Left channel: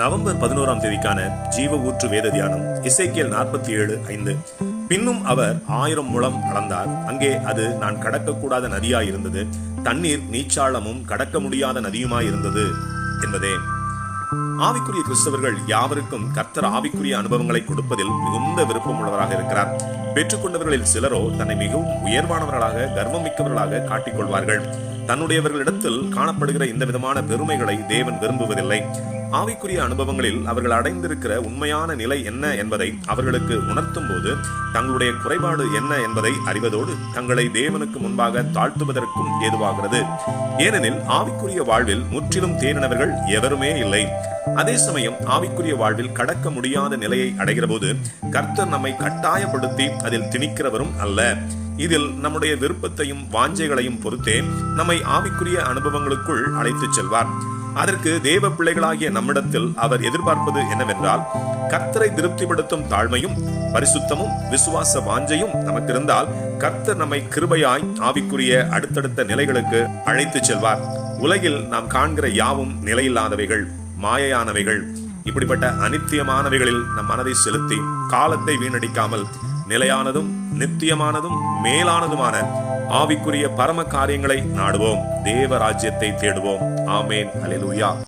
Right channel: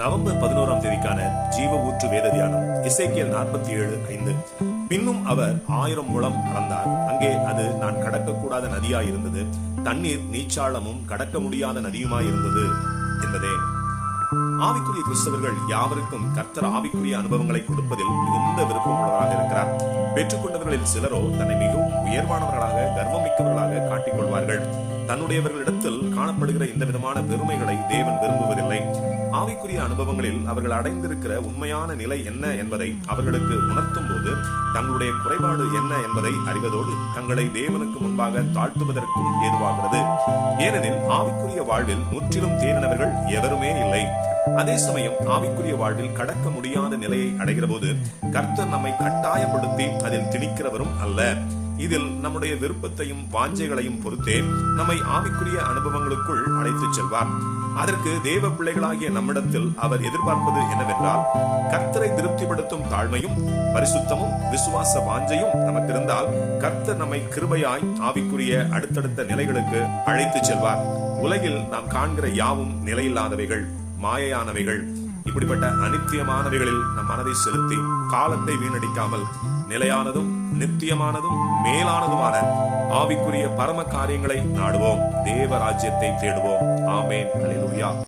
November பதினோராம் தேதிக்கான ஜீவ ஊற்று வேத தியானம் இசைக்கியல் நாற்பத்தி ஏழு ஐந்து. பின்னும் அவர் ஆயிரம் முழம் அளந்தார். அங்கே அது நான் கடக்கக்கூடாத நதியாய் இருந்தது தண்ணீர் நீச்சாளமும் கடக்க முடியாத நதியுமாய் இருந்தது என்பதே. ஆவிக்குரிய கிறிஸ்தவர்கள் யாவருக்கும் கர்த்தர் ஆவிக்குரிய அனுபவங்களை கொடுப்பதில் மிகுந்த விருப்பம் உள்ளவராக இருக்கிறார். பெற்றுக்கொண்டவர்களில் சிலரோ தன்னை மிகவும் உயர்வானவர்களாக கர்வம் மிக்கவர்களாக காட்டிக்கொள்வார்கள் தன்னுடையவர்களிடத்தில் காணப்படுகிற இந்த விதமான பெருமைகளை தேவன் விரும்புவதில்லை. ஆவிக்குரிய அனுபவங்களில் அவர்கள் அடைந்திருக்கிற உண்மையான நிலை என்ன என்பதை அவர்களுக்கு உணர்த்தும் போது தங்களுடைய குறைபாடு என்ன என்பதை அறிவதோடு தங்களை தேவனுக்கு முன்பாக தாழ்த்துவதற்கும் ஏதுவாகிறது. ஏனெனில் ஆவிக்குரிய வாழ்வில் முற்றிலும் தேறினவர்கள் எவருமே இல்லை. அதே சமயம் ஆவிக்குரிய வாழ்வில் கடக்க முடியாத நிலையை அடைகிற போது கர்த்தர் நம்மை கட்டாயப்படுத்தி அதில் திணிக்கிறவரும் அல்ல. இதில் நம்முடைய விருப்பத்தையும் வாஞ்சைகளையும் பொறுத்தே நம்மை ஆவிக்குரிய அனுபவங்களுக்குள் அழைத்துச் செல்வார். அதற்கு தேவ பிள்ளைகளாகிய நம்மிடத்தில் அவர் எதிர்பார்ப்பது என்னவென்றால் கர்த்தரை திருப்திப்படுத்தும் தாழ்மையும் பரிசுத்தமும் விசுவாச வாஞ்சையும் நமக்கு இருந்தால் கர்த்தர் நம்மை கிருபையாய் ஆவிக்குரிய அடுத்தடுத்த நிலைகளுக்கு அழைத்துச் செல்வார். உலகில் நாம் காண்கிற யாவும் நிலையில்லாதவைகள் மாயையானவைகள் இப்படிப்பட்ட அனித்தியமானவைகளில் நம் மனதை செலுத்தி காலத்தை வீணடிக்காமல் நிலையானதும் நித்தியமானதும் மேலானதுமான ஆவிக்குரிய பரம காரியங்களை நாடுவோம். தேவ ராஜ்யத்தை தேடுவோம். ஆமேன். அலிலுயா